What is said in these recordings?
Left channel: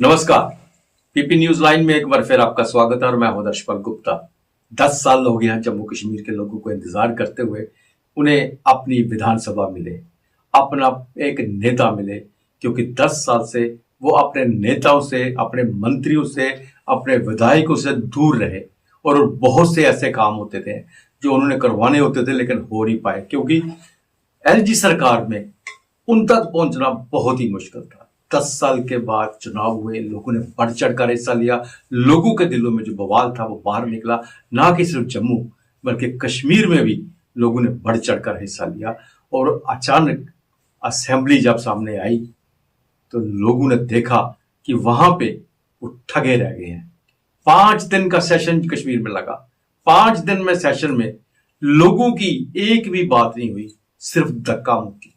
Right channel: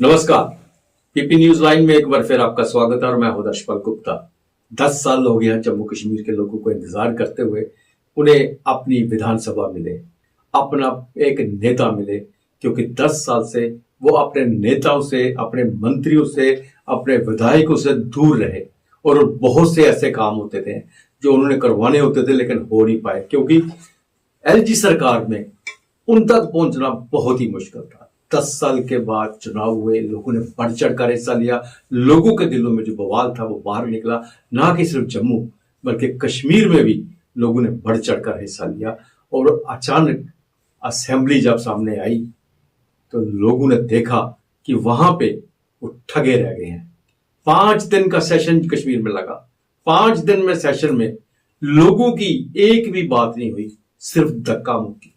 नमस्कार। PP news line में एक बार फिर आपका स्वागत है और मैं हूं दर्शपल गुप्ता। 10 साल हो गया जम्मू कश्मीर के लोगों को इंतजार करते हुए। उन्हें अपनी विधानसभा मिले, अपना एक नेता मिले, क्योंकि 10 साल से वो अपने नेताओं से, अपने मंत्रियों से, अपने विधायकों से दूर रहे और बहुत से ऐसे काम होते थे जो उन्होंने करवाने होते थे लेकिन हो नहीं पाए, क्योंकि एलजी सरकार में उन तक पहुंचना बहुत ही मुश्किल था। 10 साल के बाद चुनाव हुए, लोगों ने बढ़ चढ़कर हिस्सा लिया, लोगों के दिलों में जो बवाल था वो बाहर निकला। ना कि सिर्फ जम्मू बल्कि कश्मीर में भी लोगों ने बढ़ चढ़कर हिस्सा लिया। और अचानक असेंबली जब सामने आई तो लोगों ने देखा कि वहां पे वो ठगे रह गए हैं। 5 दिन का सेशन कश्मीर में लगा। 5 दिन में सेशन में लोगों की एक भी बात नहीं हुई, सिर्फ धक्का मुक्की,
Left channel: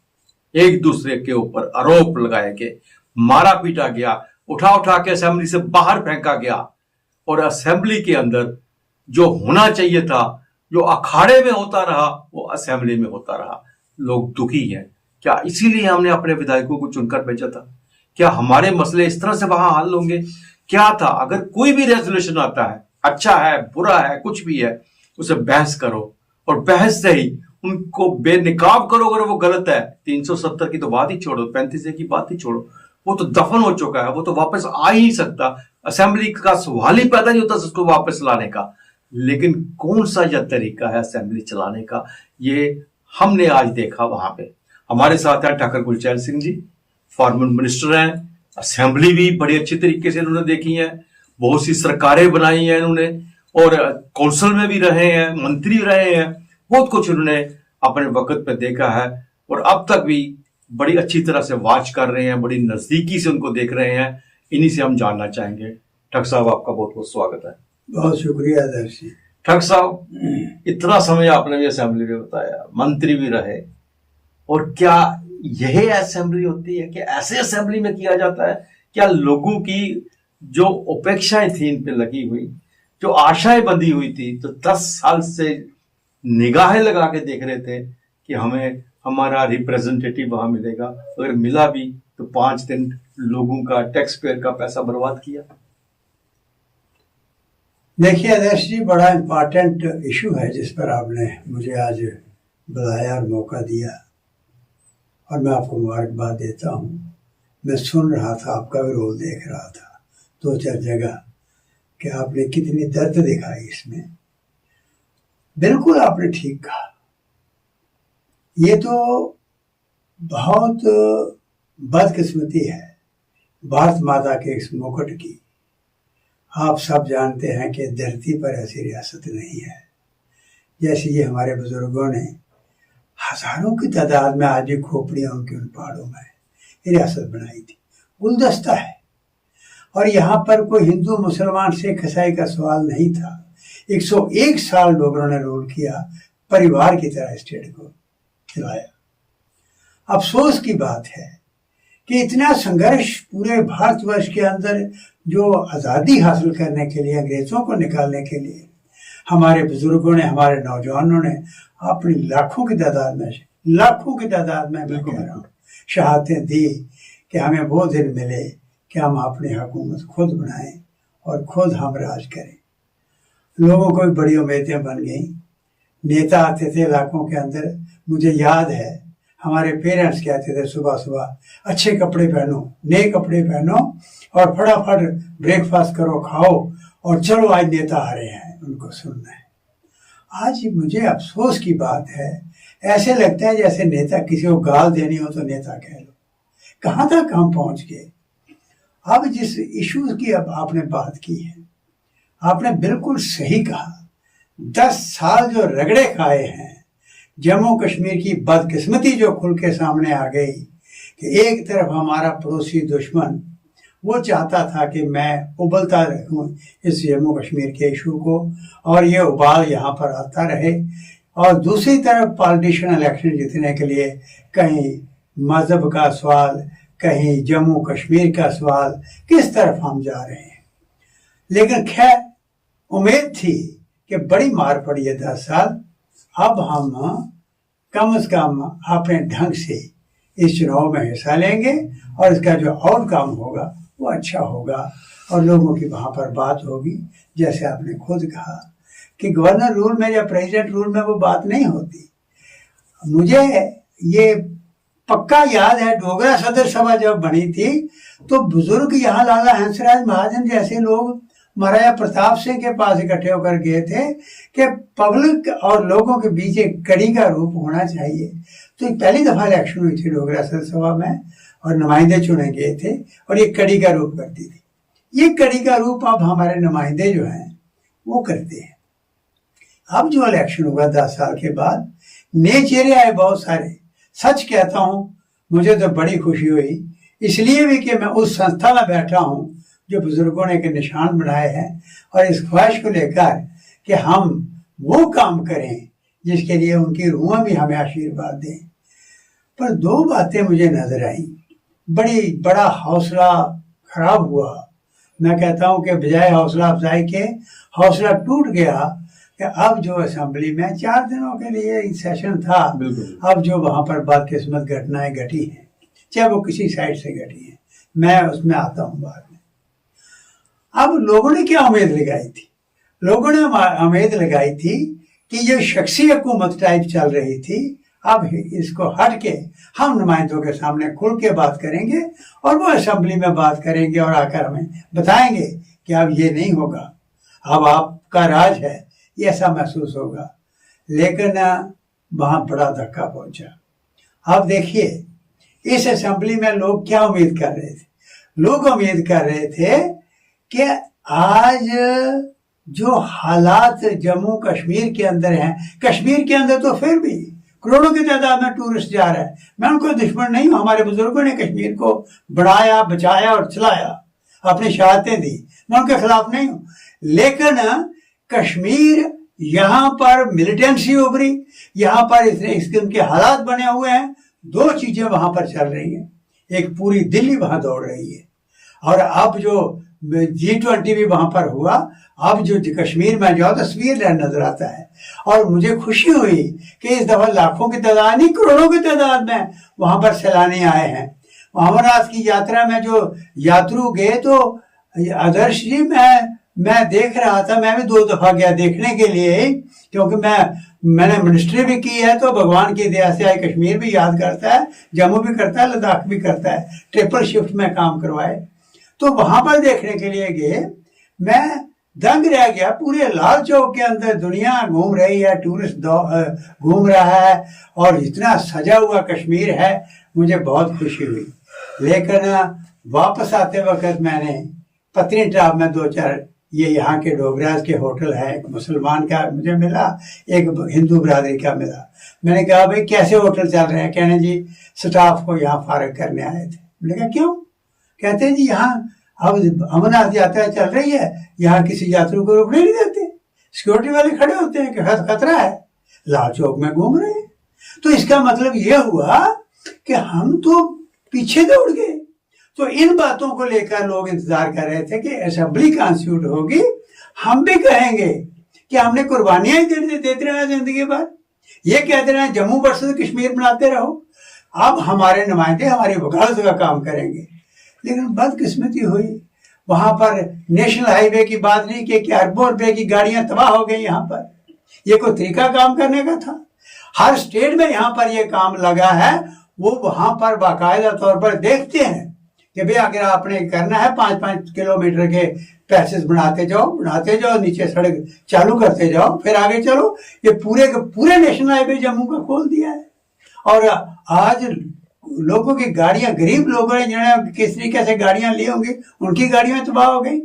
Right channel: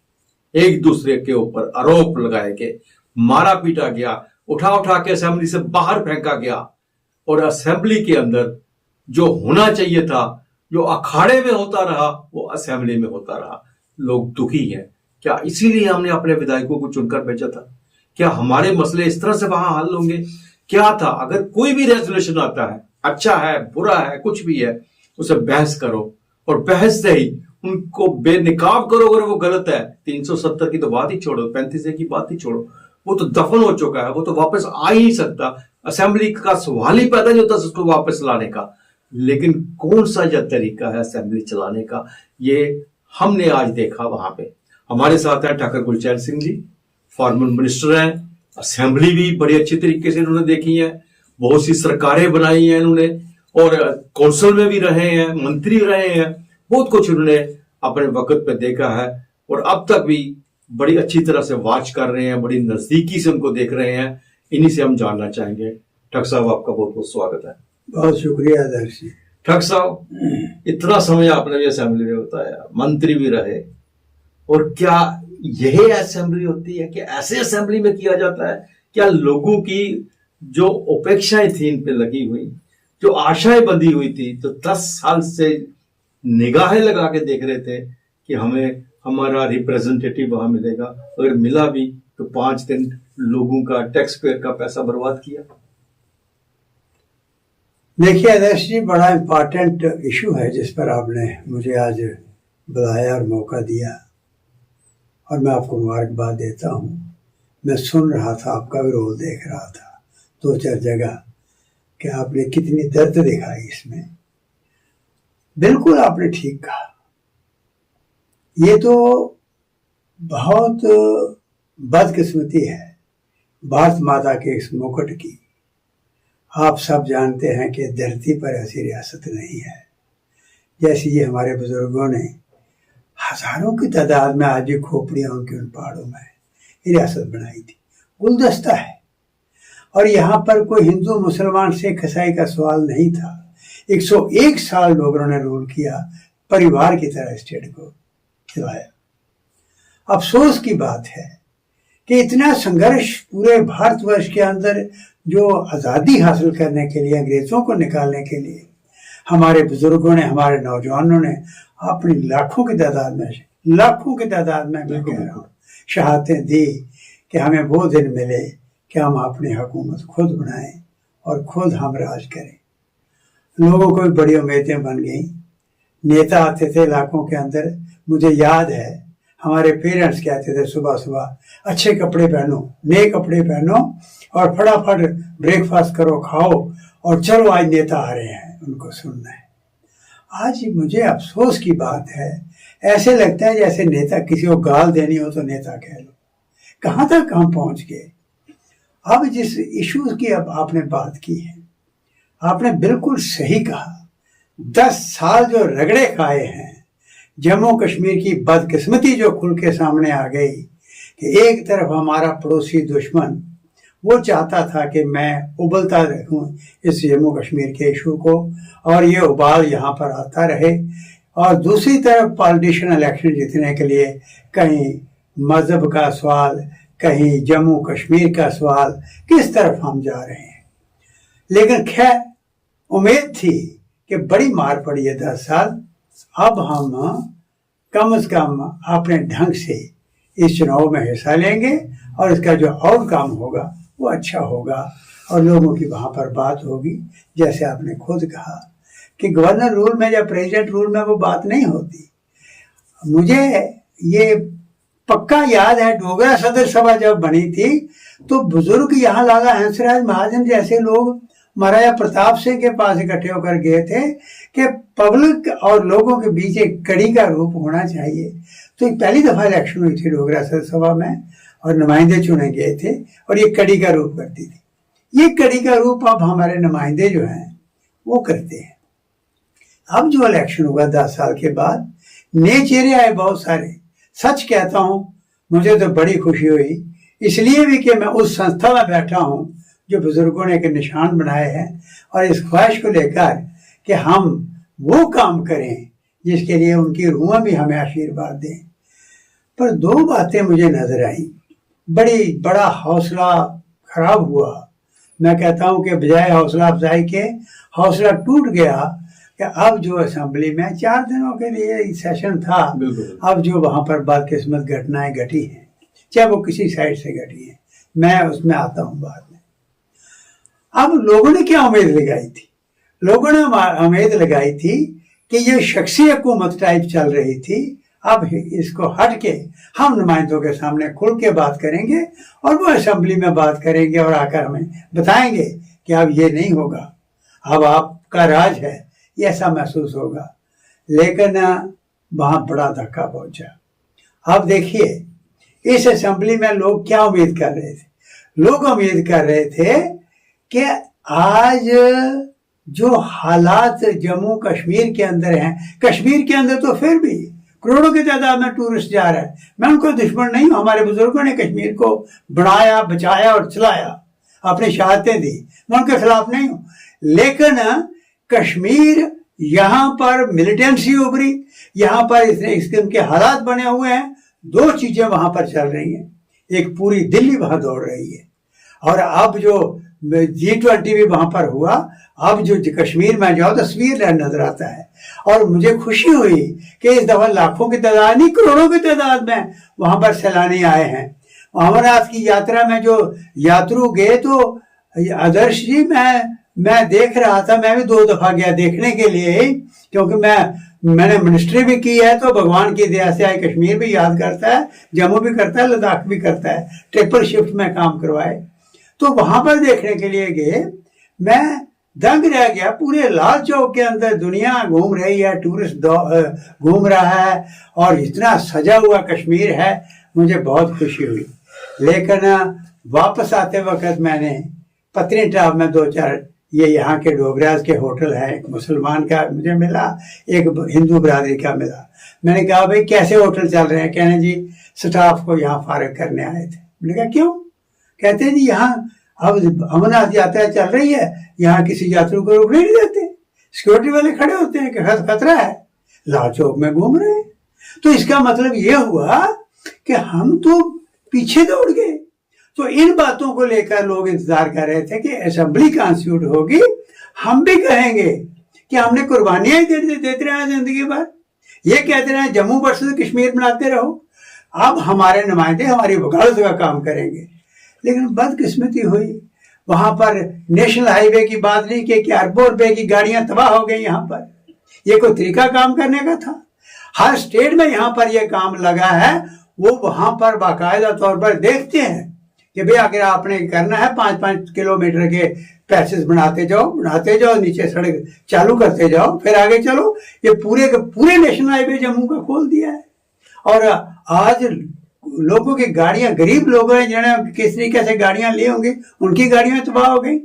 एक दूसरे के ऊपर आरोप लगाए गए, मारा पीटा गया, उठा उठा के असेंबली से बाहर फेंका गया। और असेंबली के अंदर जो होना चाहिए था, जो अखाड़े में होता रहा, वो असेंबली में होता रहा। लोग दुखी हैं। क्या इसीलिए हमने अपने विधायकों को चुनकर भेजा था? क्या हमारे मसले इस तरह से वहां हल होंगे? क्या था? अगर कोई भी रेजोल्यूशन आता है, अच्छा है, बुरा है, कुछ भी है, उसे बहस करो और बहस से ही उनको बेनिकाब करो। अगर वो गलत है, 370 की तो बात ही छोड़ो, 35A की बात ही छोड़ो, वो तो दफन हो चुका है, वो तो वापस आ ही नहीं सकता। असेंबली का सवाल ही पैदा नहीं होता उसको वापस लाने का। लेकिन कौन सा यह तरीका है असेंबली चलाने का, ये हमने आज देखा वहां पे। हमारे साथ हैं ठाकुर गुलचैन सिंह जी, फॉर्मर मिनिस्टर हैं। असेंबली भी बड़ी अच्छी तरीके से इन्होंने देखी है, बहुत सी सरकारें बनाई हैं इन्होंने, और कौंसिल में भी रहे हैं, मंत्री रहे हैं, बहुत कुछ उन्होंने अपने वक्त पे देखा है। और अब तक भी बड़ी अच्छी तरह से वॉच कर रहे हैं, बड़ी नजदीकी से उनको देख रहे हैं। इन्हीं से हम जानना चाहेंगे। ठग साहब, आपका बहुत बहुत स्वागत है। बहुत शुक्रिया दर्श जी। ठग साहब, इतना समय आपने भी असेंबली में बताया, मंत्री भी रहे, और क्या यही असेंबली होती है? क्या ऐसे असेंबली में किया जाता है? क्या लोगों की जो अपेक्षाएं थी इन पे लगी हुई, जो आशाएं बंधी हुई थी, तो 10 साल से निगाहें लगा के देख रहे थे कि हमें हमारा रिप्रेजेंटेटिव वहां मिलेगा, अगर मिला भी तो 5 दिन लोगों का, टैक्स पेयर का पैसा बर्बाद किया। देखिए आदर्श जी, बड़ा इम्पोर्टेंट इशू है जिस पर आपने मुझे आज बुलाया और मौका दिया, और मैं आपको मुबारकबाद देता हूँ। मैं सुन रहा था, आपका भी रोल देख रहा था 2-4 जगह कि आपने कितनी दर्द दिखाई इसमें। बिल्कुल आपने ठीक कहा, ये तो बहुत बदकिस्मती है भारत माता के इस मुकुट की। आप सब जानते हैं कि धरती पर ऐसी रियासत नहीं है जैसी ये हमारे बुजुर्गों ने हजारों की तादाद में, आज भी खोपड़ियां उनके उन पहाड़ों में ये रियासत बनाई थी। गुलदस्ता है, और यहाँ पर कोई हिंदू मुसलमान सिख ईसाई का सवाल नहीं था। 101 साल लोगों ने रूल किया, परिवार की तरह स्टेट को चलाया। अफसोस की बात है कि इतना संघर्ष पूरे भारतवर्ष के अंदर, जो आज़ादी हासिल करने के लिए, अंग्रेजों को निकालने के लिए हमारे बुजुर्गों ने, हमारे नौजवानों ने अपनी लाखों की तादाद में शहादतें दी कि हमें वो दिन मिले कि हम अपनी हुकूमत खुद बनाएं और खुद हम राज करें। लोगों को भी बड़ी उम्मीदें बन गई। नेता आते थे इलाकों के अंदर, मुझे याद है हमारे पेरेंट्स कहते थे सुबह सुबह, अच्छे कपड़े पहनो, नए कपड़े पहनो और फटाफट ब्रेकफास्ट करो, खाओ, और चलो आज नेता आ रहे हैं, उनको सुनना है। आज मुझे अफसोस की बात है, ऐसे लगता है जैसे नेता, किसी को गाल देनी हो तो नेता कह लो। कहाँ तक हम पहुंच गए। अब जिस इश्यूज की अब आपने बात की है, आपने बिल्कुल सही कहा। 10 साल जो रगड़े खाए हैं, जम्मू कश्मीर की बदकिस्मती जो खुल के सामने आ गई कि एक तरफ हमारा पड़ोसी दुश्मन वो चाहता था कि मैं उबलता रहूं इस जम्मू कश्मीर के इशू को, और ये उबाल यहाँ पर आता रहे, और दूसरी तरफ पॉलिटिशियन इलेक्शन जीतने के लिए कहीं मजहब का सवाल, कहीं जम्मू कश्मीर का सवाल, किस तरफ हम जा रहे हैं। लेकिन खैर, उम्मीद थी कि बड़ी मार पड़ी है 10 साल। अब हम कम से कम अपने ढंग से इस चुनाव में हिस्सा लेंगे और इसका जो आउटकम होगा वो अच्छा होगा और लोगों की वहाँ पर बात होगी। जैसे आपने खुद कहा कि गवर्नर रूल में या प्रेसिडेंट रूल में वो बात नहीं होती। मुझे ये पक्का याद है, डोगरा सदर सभा जब बनी थी तो बुजुर्ग यहाँ लाला हंसराज महाजन जैसे लोग महाराजा प्रताप सिंह के पास इकट्ठे होकर गए थे कि पब्लिक और लोगों के बीच एक कड़ी का रूप होना चाहिए। तो पहली दफा इलेक्शन हुई थी डोगरा सदर सभा में और नुमाइंदे चुने गए थे और ये कड़ी का रूप करती थी। ये कड़ी का रूप अब हमारे नुमाइंदे जो हैं वो करते हैं। अब जो इलेक्शन हुआ 10 साल के बाद, नए चेहरे आए बहुत सारे। सच कहता हूं, मुझे तो बड़ी खुशी हुई, इसलिए भी कि मैं उस संस्था में बैठा हूं जो बुजुर्गों ने एक निशान बनाए हैं और इस ख्वाहिश को लेकर कि हम वो काम करें जिसके लिए उनकी रूह भी हमें आशीर्वाद दें। पर 2 बातें मुझे नजर आई, बड़ा हौसला खराब हुआ। मैं कहता हूं कि बजाय हौसला अफजाई के हौसला टूट गया कि अब जो असेंबली में 4 दिनों के लिए सेशन था, अब जो वहां पर बदकिस्मत घटनाएं घटी हैं, चाहे वो किसी साइड से घटी हैं, मैं उसमें आता हूं बाद में। अब लोगों ने क्या उम्मीद लगाई थी? लोगों ने उम्मीद लगाई थी कि ये शख्सी हुकूमत टाइप चल रही थी, अब इसको हट के हम नुमाइंदों के सामने खुल के बात करेंगे और वो असेंबली में बात करेंगे और आकर हमें बताएंगे कि अब ये नहीं होगा, अब आपका राज है, ये ऐसा महसूस होगा। लेकिन वहां बड़ा धक्का पहुंचा। अब देखिए इस असेंबली में लोग क्या उम्मीद कर रहे थे? लोग उम्मीद कर रहे थे कि आज जो हालात जम्मू कश्मीर के अंदर हैं, कश्मीर के अंदर तो फिर भी करोड़ों की तादाद में टूरिस्ट जा रहा है, मैं उनको दुश्मन नहीं हूं, हमारे बुजुर्गों ने कश्मीर को बनाया, बचाया और चलाया, अपनी शहादतें दी, मैं उनके खिलाफ नहीं हूं। लेकिन कश्मीर यहां पर मिलिटेंसी उभरी, यहां पर इस किस्म के हालात बने हुए हैं। 2 चीजें वहां पर चल रही हैं, एक पूरी दिल्ली वहां दौड़ रही है और अब जो G20 भी वहां पर हुआ, अब जो कश्मीर में जाओ तो स्विट्जरलैंड नजर आता है। और मुझे खुशी हुई कि इस दफा लाखों की तादाद नहीं, करोड़ों की तादाद में वहां पर सैलानी आए हैं। अमरनाथ की यात्रा में जो यात्रु गए, तो आदर्श जी मैं देख रहा था, मैं भी 2 दफा गया देखने के लिए, क्योंकि मैंने मिनिस्ट्री भी की है, तो भगवान की दया से आई कश्मीर भी याद करता है, जम्मू भी करता है, लद्दाख भी करता है, ट्रिपल शिफ्ट में काम करवाए। तो वहां पर देखने के लिए गए, मैं दंग रह गया। पूरे लाल चौक के अंदर दुनिया घूम रही है, टूरिस्ट घूम रहा है और इतना सजा हुआ कश्मीर है, मुझे बहुत खुशी हुई। लेकिन वापस आते वक्त मैंने पत्नीटॉप में 2-4 ये यहाँ के डोगराज के होटल है, एक मुसलमान का मुझे मिला, एक हिंदू बिरादरी का मिला। मैंने कहा भाई कैसे होटल चल रहे हैं? कहने जी स्टाफ को यहाँ फारिग करने आए थे। मैंने कहा क्यों? कहते हैं जी यहाँ अब अमरनाथ यात्रा चल रही है, यहाँ किसी यात्री को रुकने नहीं देते, सिक्योरिटी वाले खड़े होते हैं कि खतरा है, लाल चौक में घूम रहे हैं। तो इसका मतलब ये हुआ कि हम तो पीछे दौड़ गए। तो इन बातों को लेकर लोग इंतजार कर रहे थे कि असेंबली कॉन्स्टिट्यूट होगी, हम भी कहेंगे कि हमने कुर्बानियां ही देते रहे जिंदगी भर, ये कहते रहे जम्मू वर्सेस कश्मीर बनाते रहो। अब हमारे नुमाइंदे हमारी वकालत का काम करेंगे। लेकिन बदकिस्मती हुई, वहां पर नेशनल हाईवे की बात नहीं की कि अरबों रुपए की गाड़ियां तबाह हो गई। यहाँ पर ये कोई तरीका काम करने का था? हर स्टेट में यहाँ पर यह काम लगा है, वो वहां पर बाकायदा तौर पर देखते हैं कि भाई अगर आपने करना है 5-5 किलोमीटर के पैसेज बनाते जाओ, नीचे सड़क चालू करते जाओ, फिर आगे चलो। ये पूरे नेशनल हाईवे जम्मू का खोल दिया है। और आज लोगों की गाड़ियां, गरीब लोगों ने जिन्होंने किस तरीके से गाड़ियां ली होंगी, उनकी गाड़ियां तबाह हो गई।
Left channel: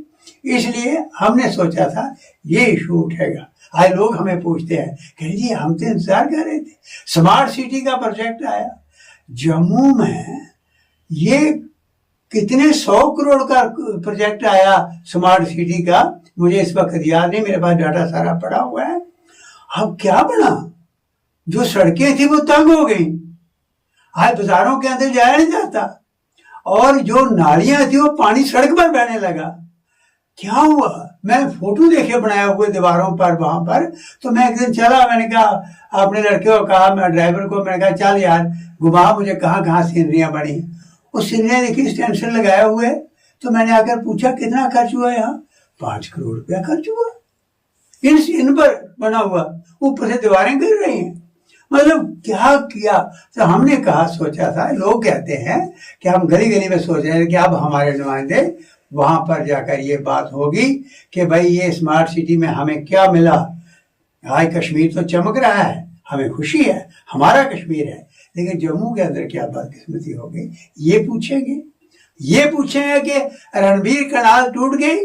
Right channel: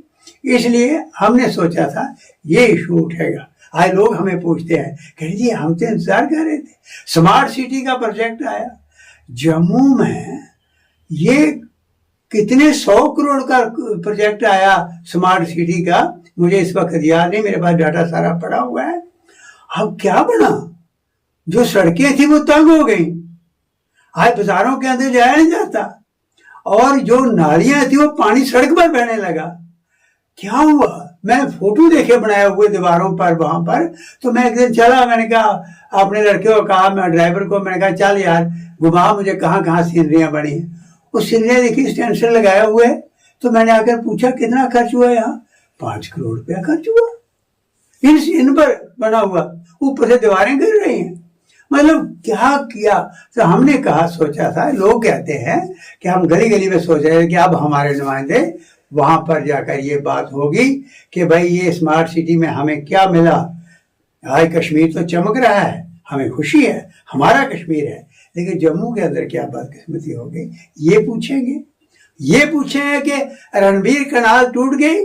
इसलिए हमने सोचा था ये इशू उठेगा। आज लोग हमें पूछते हैं कि जी हम तो इंतजार कर रहे थे, स्मार्ट सिटी का प्रोजेक्ट आया जम्मू में, ये कितने 100 करोड़ का प्रोजेक्ट आया स्मार्ट सिटी का, मुझे इस वक्त याद नहीं, मेरे पास डाटा सारा पड़ा हुआ है। अब क्या बना? जो सड़कें थी वो तंग हो गई, आज बाजारों के अंदर जाया नहीं जाता, और जो नालियां थी वो पानी सड़क पर बहने लगा। क्या हुआ? मैं फोटो देखे बनाए हुए दीवारों पर वहां पर। तो मैं एक दिन चला, मैंने कहा अपने लड़के को कहा, मैं ड्राइवर को मैंने कहा चल यार घुमा मुझे कहाँ कहाँ सीनरियां बनी। वो सीनरियां देखी, स्टेंसिल लगाए हुए, तो मैंने आकर पूछा कितना खर्च हुआ यहाँ, 5 करोड़ रुपया खर्च हुआ इन पर बना हुआ, ऊपर से दीवारें गिर रही हैं। मतलब क्या किया। तो हमने कहा, सोचा था, लोग कहते हैं कि हम गली गली में सोच रहे हैं कि अब हमारे नुमाइंदे वहां पर जाकर ये बात होगी कि भाई ये स्मार्ट सिटी में हमें क्या मिला। आज कश्मीर तो चमक रहा है, हमें खुशी है, हमारा कश्मीर है, लेकिन जम्मू के अंदर क्या बदकिस्मती हो गई ये पूछेंगे। ये पूछेंगे कि रणबीर कनाल टूट गई,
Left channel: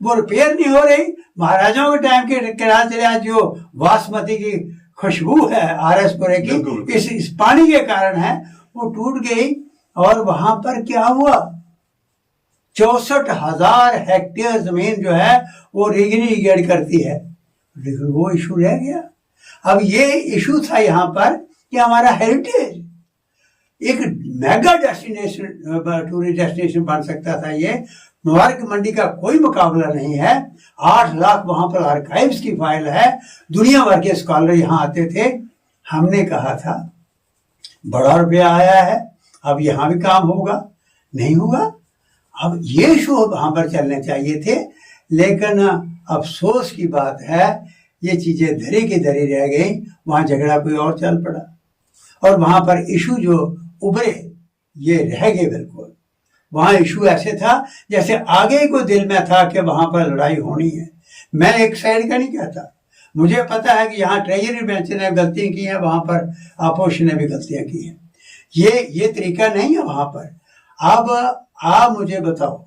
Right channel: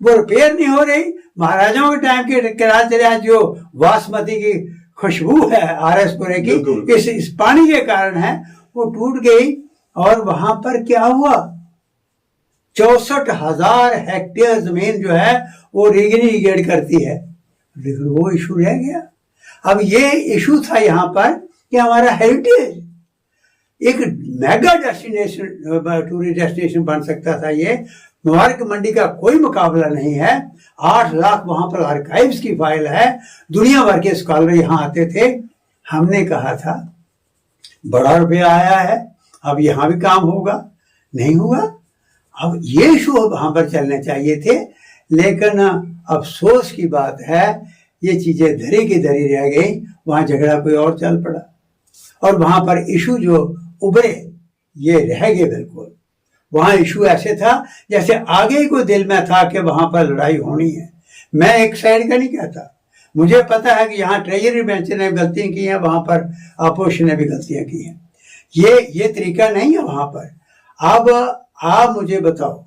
वो रिपेयर नहीं हो रही, महाराजाओं के टाइम के कनाल चले, आज जो बासमती की खुशबू है आरएसपुरे की इस पानी के कारण है, वो टूट गई। और वहां पर क्या हुआ, 64,000 हेक्टेयर जमीन जो है वो रीगेट करती है, लेकिन वो इशू रह गया। अब ये इशू था यहाँ पर कि हमारा हेरिटेज एक मेगा डेस्टिनेशन, टूरिस्ट डेस्टिनेशन बन सकता था। ये मुबारक मंडी का कोई मुकाबला नहीं है। 8 लाख वहां पर आर्काइव्स की फाइल है, दुनिया भर के स्कॉलर यहाँ आते थे। हमने कहा था बड़ा रुपया आया है, अब यहाँ भी काम होगा, नहीं हुआ। अब ये इशू वहां पर चलने चाहिए थे, लेकिन अफसोस की बात है ये चीजें धरी की धरी रह गई। वहां झगड़ा कोई और चल पड़ा और वहां पर इशू जो उभरे ये रह गए बिल्कुल। वहां इशू ऐसे था जैसे आगे को दिल में था कि वहां पर लड़ाई होनी है। मैं एक साइड का नहीं कहता, मुझे पता है कि यहाँ ट्रेजरी बेंच ने गलतियां की हैं, वहां पर अपोजिशन ने भी गलतियां की हैं। ये तरीका नहीं है वहां पर। अब आप मुझे बताओ,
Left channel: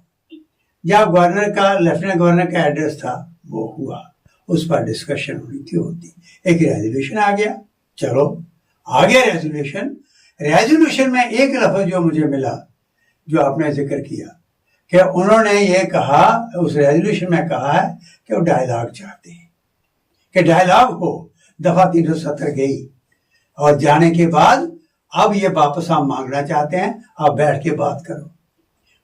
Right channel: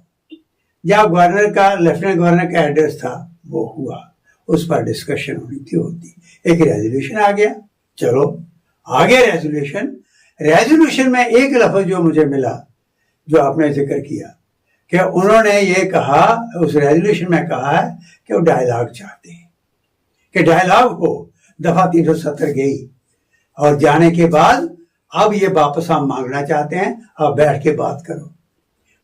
जब गवर्नर का, लेफ्टिनेंट गवर्नर का एड्रेस था वो हुआ, उस पर डिस्कशन होनी क्यों होती, एक रेजोल्यूशन आ गया, चलो आ गया रेजोल्यूशन में एक लफ्ज जो मुझे मिला, जो आपने जिक्र किया कि उन्होंने ये कहा, उस रेजोल्यूशन में कहा है कि वो डायलॉग चाहते हैं, कि डायलॉग हो। दफा 370 गई और जाने के बाद अब ये वापस हम मांगना चाहते हैं, अब बैठ के बात करो।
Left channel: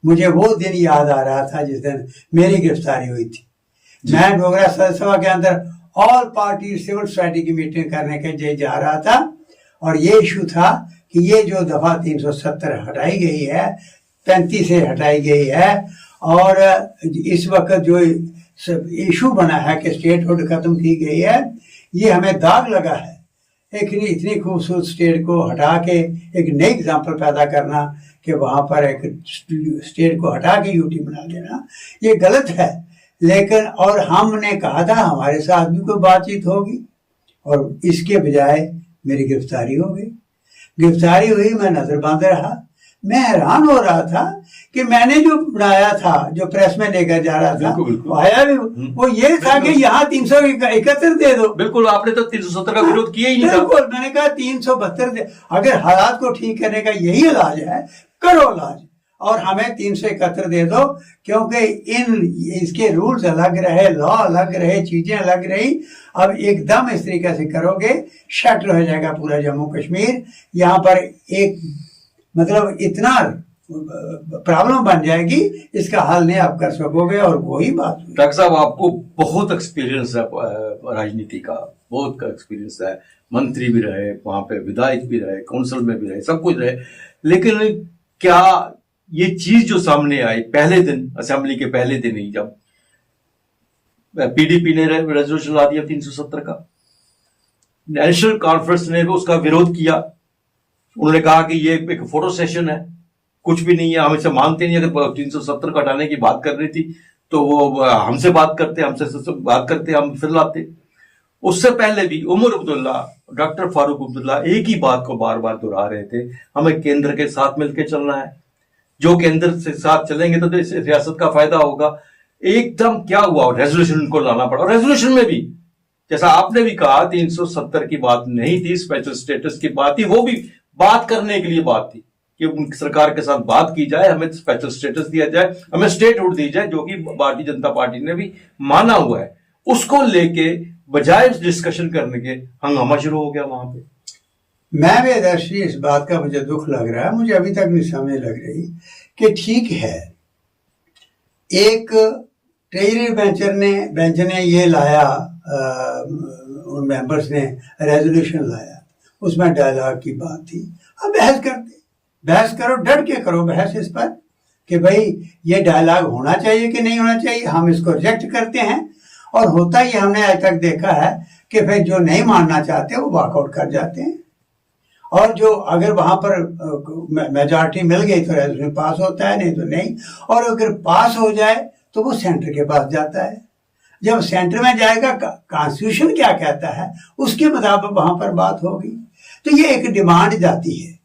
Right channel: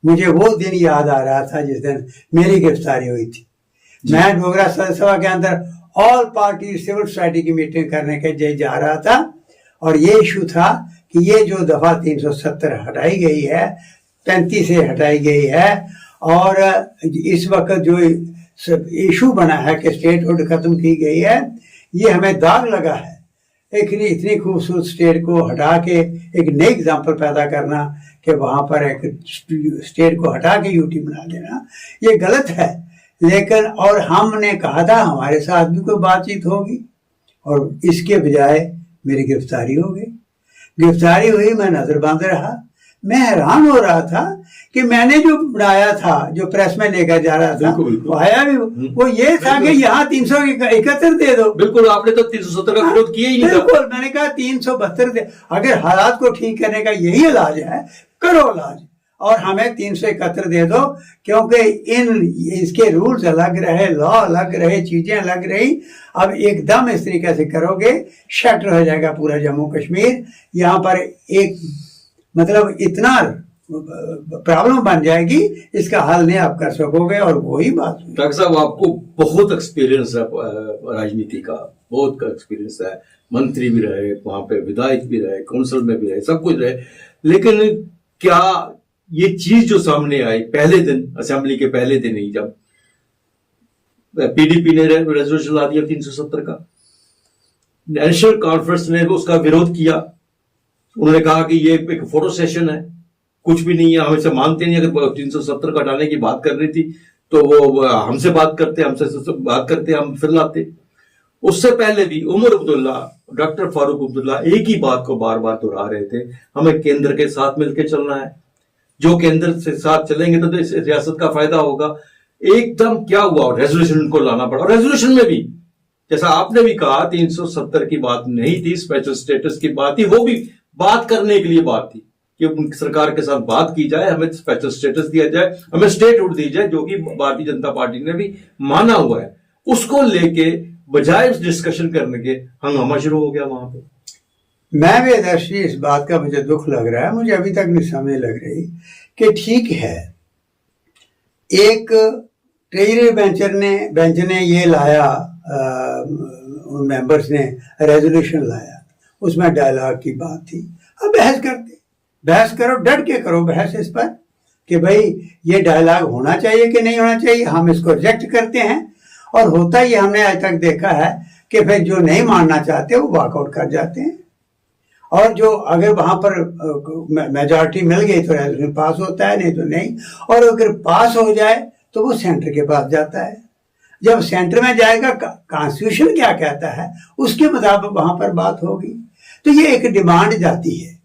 मुझे वो दिन याद आ रहा था जिस दिन मेरी गिरफ्तारी हुई थी। मैं डोगरा सभा के अंदर ऑल पार्टी सिविल सोसाइटी की मीटिंग करने के लिए जा रहा था और ये इशू था कि ये जो दफा 370 हटाई गई है, 35 से हटाई गई है, और इस वक्त जो इशू बना है कि स्टेटहुड खत्म की गई है, ये हमें दाग लगा है। एक इतनी खूबसूरत स्टेट को हटा के एक नई एग्जाम्पल पैदा करना कि वहां पर एक स्टेट को हटा के यूटी बना देना, ये गलत है। लेकिन और हमने कहा था हमारे साथ भी कोई बातचीत होगी, और इसके बजाय मेरी गिरफ्तारी हो गई। गिरफ्तारी हुई, मैं नजरबंद रहा। मैं हैरान हो रहा था कि मैंने जो बनाया था, जो प्रेस में लेकर जा रहा था, वो आया भी वो ये था कि यहाँ 371 दे दो। बिल्कुल, आपने तो 370 का विरोध किया ही नहीं था। बिल्कुल, मैंने कहा 372 दे। अगर हालात को ठीक करने का यही इलाज है, करो इलाज, और हमें 371 दे दो, क्योंकि इसके रूल्स अलग रहे, लॉ अलग रहे, चीजें अलग रही। अब एकदम इस तरीके से करोगे, शटर हो जाएगा पूरा जम्मू कश्मीर। यहाँ पर एक मतलब इतना प्रॉब्लम बन जाएगी, इसका हल नहीं आप कर सकोगे। और वही बात, डॉक्टर साहब आपको बहुत एक्सपीरियंस है राजनीति का, बहुत एक्सपीरियंस है, मंत्री भी रहे, वहां पे विधायक भी रहे, काउंसिल में भी रहे, सब कुछ रहे। लेकिन क्या ये चीज जो सामने आई पहले दिन, असेंबली के पहले दिन ही, जब पीडीपी ने रेजोल्यूशन ला दिया 370 का, नेशनल कॉन्फ्रेंस ने उसका विरोध किया। उन्होंने कहा कि ये एक फोटो सेशन है, कुछ भी नहीं है, हम इसे मानते नहीं। अगर 370 को हटाने की बात कर रही थी तो वो हमसे बात करते, हम फिर लाते। उससे पहले भी उमर अब्दुल्ला, डॉक्टर फारूक अब्दुल्ला एक ही बात को बार बार दोहरा रहे थे, हमें केंद्र के साथ मिलकर चलना है, जो केंद्र से साथ चलेंगे तो इस रियासत का फायदा होगा। एकदम क्या हुआ, रेजोल्यूशन को लाना पड़ा। रेजोल्यूशन में भी जैसा आपने भी कहा 370 की बात नहीं थी, स्पेशल स्टेटस की बात थी, वो भी बात करने के लिए बात थी कि सरकार के साथ बात की जाए, हमें स्पेशल स्टेटस दिया जाए, हमें स्टेटहुड दी जाए, जो कि भारतीय जनता पार्टी ने भी माना हुआ है। उसको लेके बजाय डिस्कशन करने के हंगामा शुरू हो गया वहां पे। मैं भी दर्शी इस बात का मुझे दुख लग रहा है, मुझे अभी तक नहीं समझ लग रही कि ठीक है, एक ट्रेजरी बेंच ने ये लाया, उन मेंबर्स ने रेजोल्यूशन लाया, उसमें डायलॉग की बात थी। अब बहस करो, डट के करो बहस इस पर, कि भाई ये डायलॉग होना चाहिए कि नहीं होना चाहिए, हम इसको रिजेक्ट करते हैं। और होता ही हमने आज तक देखा है कि फिर जो नहीं मानना चाहते वो वॉकआउट कर जाते हैं, और जो अगर वहां पर मेजॉरिटी मिल गई तो रेजोल्यूशन पास होता है, नहीं तो नहीं। और अगर पास हो जाए तो वो सेंटर के पास जाता है। जब सेंटर में जाएगा, कॉन्स्टिट्यूशन क्या कहता है उसके मुताबिक वहां पर बात होगी। तो ये एक डिमांड जाती है।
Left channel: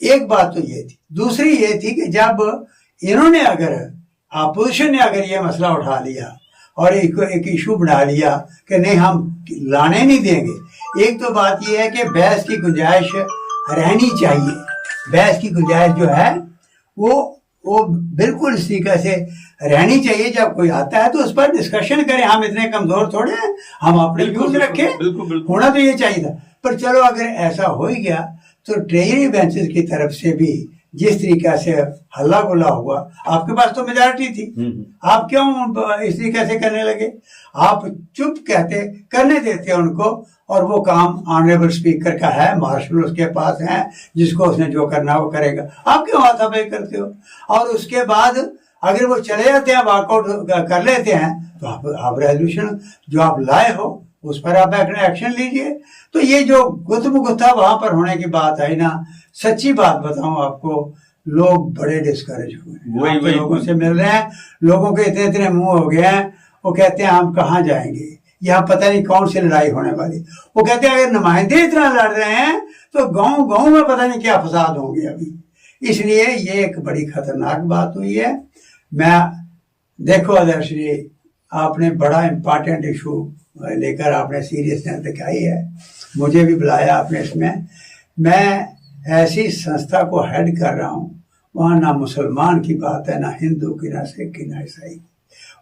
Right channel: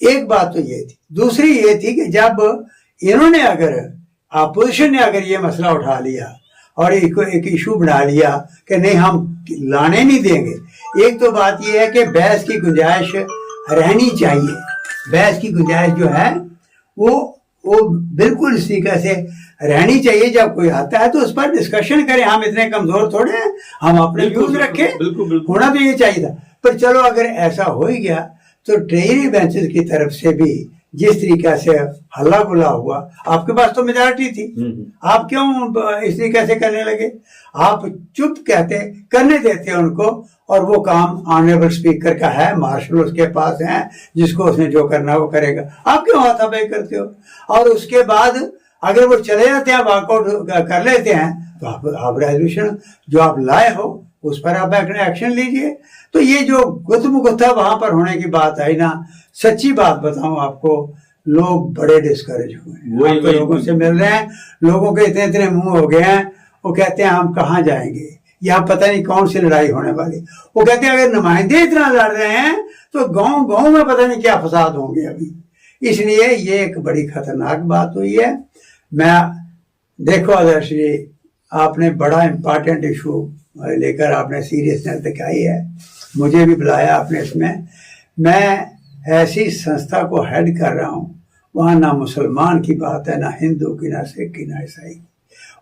एक बात तो ये थी। दूसरी ये थी कि जब इन्होंने अगर अपोजिशन ने अगर ये मसला उठा लिया और एक इशू बना लिया कि नहीं हम लाने नहीं देंगे, एक तो बात ये है कि बहस की गुंजाइश रहनी चाहिए। बहस की गुंजाइश जो है वो बिल्कुल इसी तरीके से रहनी चाहिए। जब कोई आता है तो उस पर डिस्कशन करें, हम इतने कमजोर थोड़े हैं, हम अपने व्यूज रखें। बिल्कुल होना तो ये चाहिए था। पर चलो अगर ऐसा हो ही गया तो ट्रेजरी बेंचेस की तरफ से भी जिस तरीके से हल्ला गुल्ला हुआ, आपके पास तो मेजॉरिटी थी, आप क्यों इस तरीके से करने लगे? आप चुप कहते, करने देते उनको, और वो काम ऑनरेबल स्पीकर का है, मार्शल उसके पास है, जिसको उसने जो करना वो करेगा। आप क्यों हाथापाई करते हो? और उसके बाद अगर वो चले जाते हैं, वॉकआउट कर लेते हैं, तो आप रेजोल्यूशन जो आप लाए हो उस पर आप एक्शन लीजिए। तो ये जो गुत्था वहां पर होने की बात आई ना, सच्ची बात बताऊं आपको, लोग बड़े डिस्करेज हुए। वही लोगों से मिल रहे हैं, लोगों के इतने इतने मुंह हो गए हैं, वो कहते हैं हम कहाँ जाएंगे, यहाँ पता नहीं कौन सी लड़ाई होने वाली। वो कहते हैं अगर नुमाइंदे इतना लड़ रहे हैं तो गांव गांव में पता नहीं क्या फसाद होंगे अभी। इसलिए ये एक बड़ी खतरनाक बात हुई है। मैं देखो आदर्श जी, आपने बड़ा इंपॉर्टेंट इशू लेकर आपने सीरियसनेस दिखाई है, मुझे भी बुलाया आपने इसमें। मैं ऐसी संस्था को हेड कर रहा हूँ, वहाँ ना मुसलमान की बात है, ना हिंदू की, ना सिख की, ना ईसाई की।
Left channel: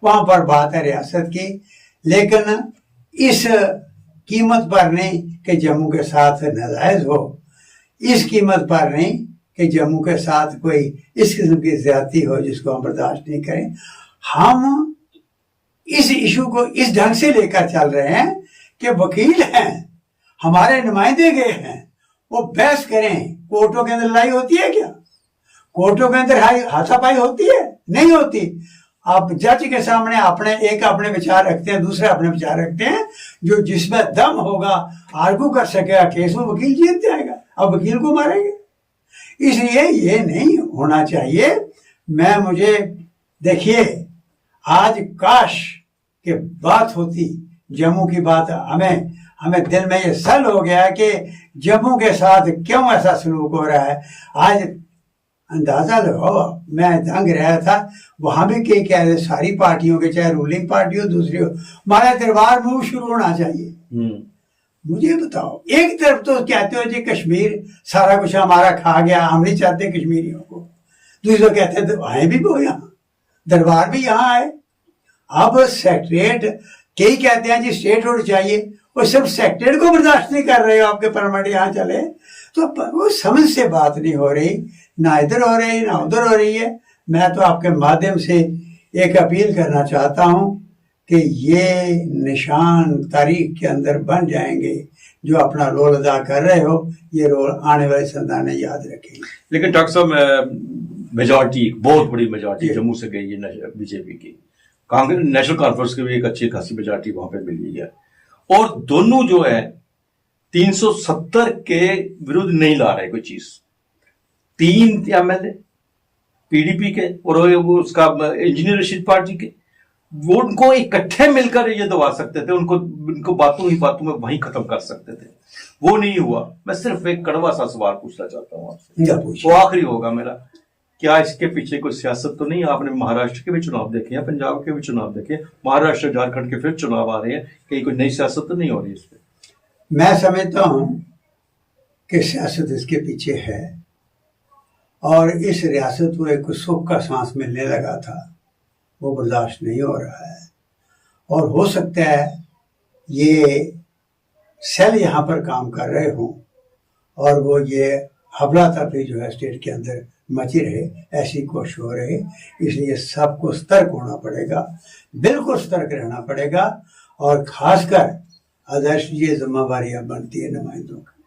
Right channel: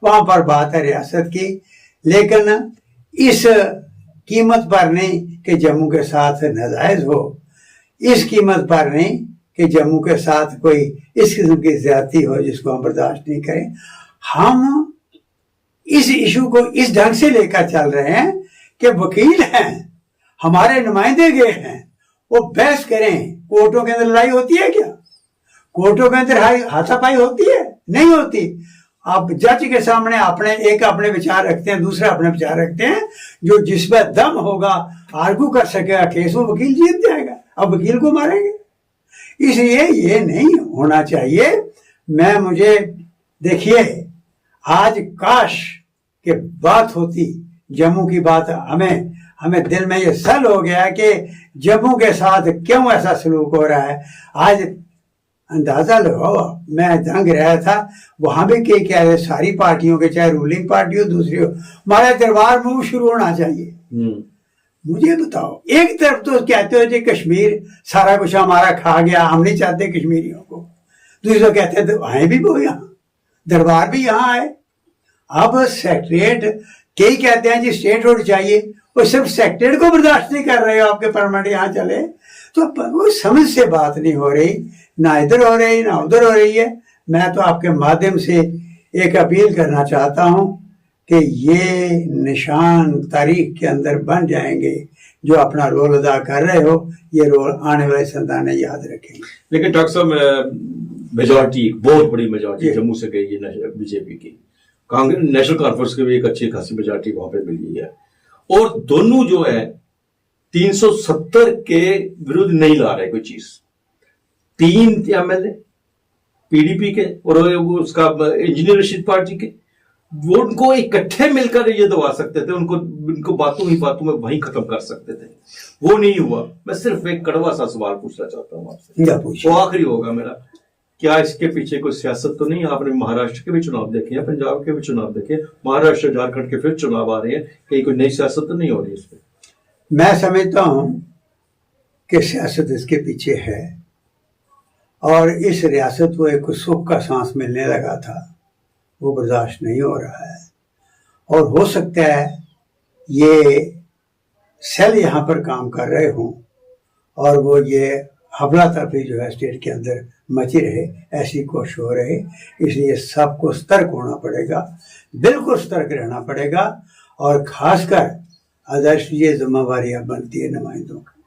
वहाँ पर बात है रियासत की, लेकिन इस कीमत पर नहीं कि जम्मू के साथ नाजायज हो, इस कीमत पर नहीं कि जम्मू के साथ कोई इस किस्म की ज्यादती हो जिसको हम बर्दाश्त नहीं करें। हम इस इशू को इस ढंग से लेकर चल रहे हैं कि वकील हैं, हमारे नुमाइंदे गए हैं, वो बहस करें। कोर्टों के अंदर लड़ाई होती है क्या? कोर्टों के अंदर हाथापाई होती है? नहीं होती। आप जज के सामने अपने विचार रखते हैं, दूसरा अपने विचार रखते हैं, जो जिसमें दम होगा आर्गू कर सकेगा केस में, वकील जीत जाएगा। अब वकील को मारेंगे। इसलिए ये नहीं होना चाहिए। मुझे देखिए, आज काश के बात होती जम्मू की बात, हमें दिल में ये सल हो गया कि जम्मू के साथ क्यों ऐसा सलूक हो रहा है। आज अंदाजा लगाओ, मैं दंग रहा था, वहां भी क्या सारी पार्टियों के, चाहे रूलिंग पार्टी हो दूसरी हो, हमारा दरबार मूव शुरू होना चाहिए। मुझे बताओ, एक तरफ तो कहते हो कि कश्मीर सारा कुछ हमारा खा गया, हम नहीं चाहते कश्मीरियों को, दूसरे कहते हैं तो आए भी वो यहाँ, दरबार भी यहाँ आए। अब सेक्रेटरीट कई कहते हैं जी स्टेट रोड चाहिए, वो सिर्फ सेक्रेटरीट को बर्दाश्त नहीं कर रहे हो, आपके परमानेंट यहाँ चले, तो वो समझ से बात नहीं हो रही, ना इधर हो रही ना उधर हो रही है। मैं तो आपके माध्यम से एक अपील करना चाहता हूँ कि ये निशान तारीख के अंदर बन जाएंगे, जो अपना रोल अदा कर रहे हो, ये रोल आने वाली संतानें याद रखेंगे। लेकिन डॉक्टर साहब, मेजॉरिटी, बहुत बड़ी मेजॉरिटी जम्मू से गई है बीजेपी की, कांग्रेस नेशनल कॉन्फ्रेंस की भी एक अच्छी खासी मेजॉरिटी वहां पे मिली है, और दोनों जो है 370 के विरुद्ध नहीं ला रहे कोई चीज। 3 एमएलए पीडीपी के और उसका इंजीनियर रशीद पार्टी के, वो उनको इकट्ठे मिलकर ये दबा सकते थे, उनको बातों ही बातों में वहीं खत्म कर सकते थे। वो नहीं हुआ। मैं सिर्फ एक कड़वा सा सवाल पूछना चाहता हूँ आपसे, वो आखिरी होगा मेरा। क्या इसके पीछे कोई सियासत तो नहीं? आपने महाराष्ट्र के भी चुनाव देखे हैं, पंजाब के भी चुनाव देखे, महाराष्ट्र झारखंड के फिर चुनाव आ रहे हैं, कहीं कोई नई सियासत तो नहीं हो रही इस पे? मैं समझता हूं कि सियासत इसके पीछे है, और इस रियासत को एक सुख का सांस मिलने लगा था, वो बर्दाश्त नहीं हो रहा है। और हो सकता है ये सेल यहाँ पर काम कर रहे हों और वो ये हबला तफरी जो है स्टेट के अंदर मची रहे, ऐसी कोशिश हो रही। इसलिए सबको सतर्क होना पड़ेगा, बिल्कुल सतर्क रहना पड़ेगा, और खासकर आदर्श ये जिम्मेवारी बनती है नुमाइंदों की,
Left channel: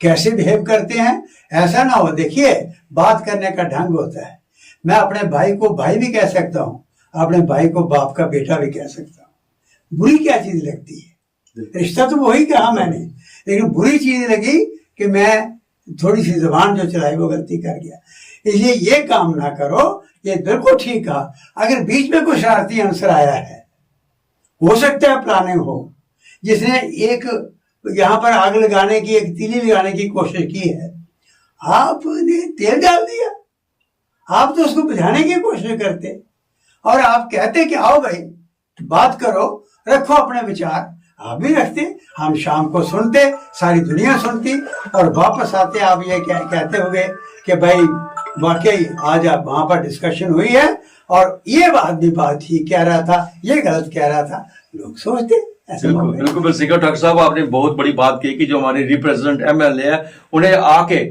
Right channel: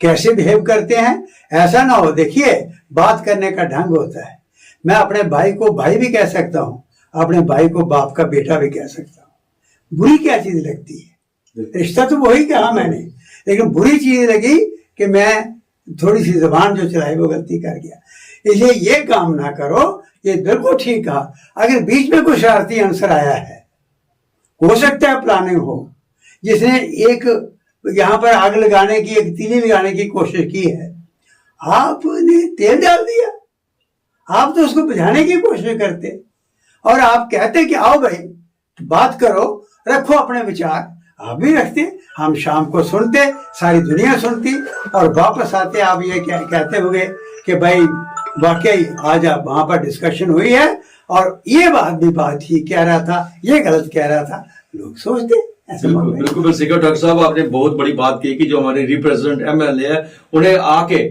कैसे बिहेव करते हैं। ऐसा ना हो, देखिए बात करने का ढंग होता है, मैं अपने भाई को भाई भी कह सकता हूँ, अपने भाई को बाप का बेटा भी कह सकता हूँ। बुरी क्या चीज लगती है? रिश्ता तो वही कहा मैंने, लेकिन बुरी चीज लगी कि मैं थोड़ी सी जबान जो चलाई वो गलती कर गया। इसलिए ये काम ना करो। ये बिल्कुल ठीक कहा। अगर बीच में कोई शरारती आंसर आया है, हो सकता है प्लानिंग हो, जिसने एक यहाँ पर आग लगाने की, एक तीली लगाने की कोशिश की है, आपने तेल डाल दिया। आप तो उसको बुझाने की कोशिश करते और आप कहते कि आओ भाई बात करो, रखो अपने विचार। आप भी रखते, हम शाम को सुनते, सारी दुनिया सुनती और वापस आते आप ये कहते हुए कि भाई वाकई आज वहां पर डिस्कशन हुई है और ये बात भी बात ही कह रहा था, ये गलत कह रहा था, लोग सोचते। बिल्कुल बिल्कुल सिकर ठाकुर साहब, आपने बहुत बड़ी बात कही कि जो हमारे रिप्रेजेंटेंट एमएलए है उन्हें आके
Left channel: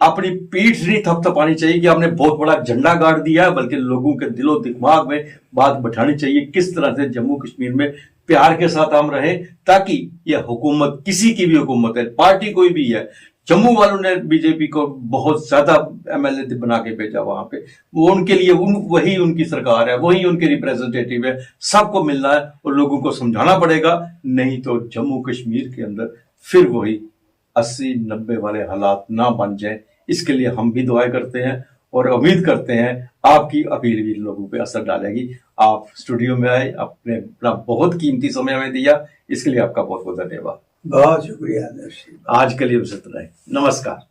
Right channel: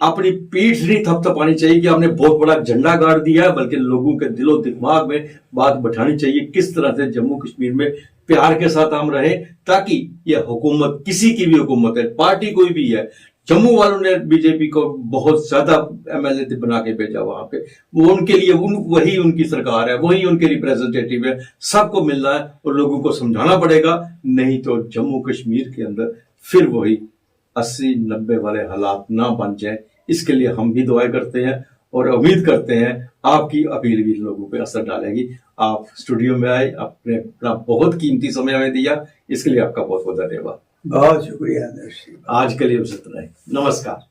अपनी पीठ नहीं थपथपानी चाहिए कि हमने बहुत बड़ा झंडा गाड़ दिया है, बल्कि लोगों के दिलो दिमाग में बात बैठानी चाहिए किस तरह से जम्मू कश्मीर में प्यार के साथ हम रहे, ताकि यह हुकूमत, किसी की भी हुकूमत है, पार्टी कोई भी है, जम्मू वालों ने बीजेपी को बहुत ज्यादा एमएलए बना के भेजा वहां पे, वो उनके लिए वही उनकी सरकार है, वही उनके रिप्रेजेंटेटिव है, सबको मिलना है और लोगों को समझाना पड़ेगा। नहीं तो जम्मू कश्मीर के अंदर फिर वही 80-90 वाले हालात ना बन जाए, इसके लिए हम भी दुआएं करते हैं और उम्मीद करते हैं आपकी अपील भी लोगों पे असर डालेगी। आप स्टूडियो में आए, आपने अपना बहुत कीमती समय हमें दिया, इसके लिए आपका बहुत बहुत धन्यवाद। बहुत शुक्रिया। आज के लिए बस इतना ही। नमस्कार।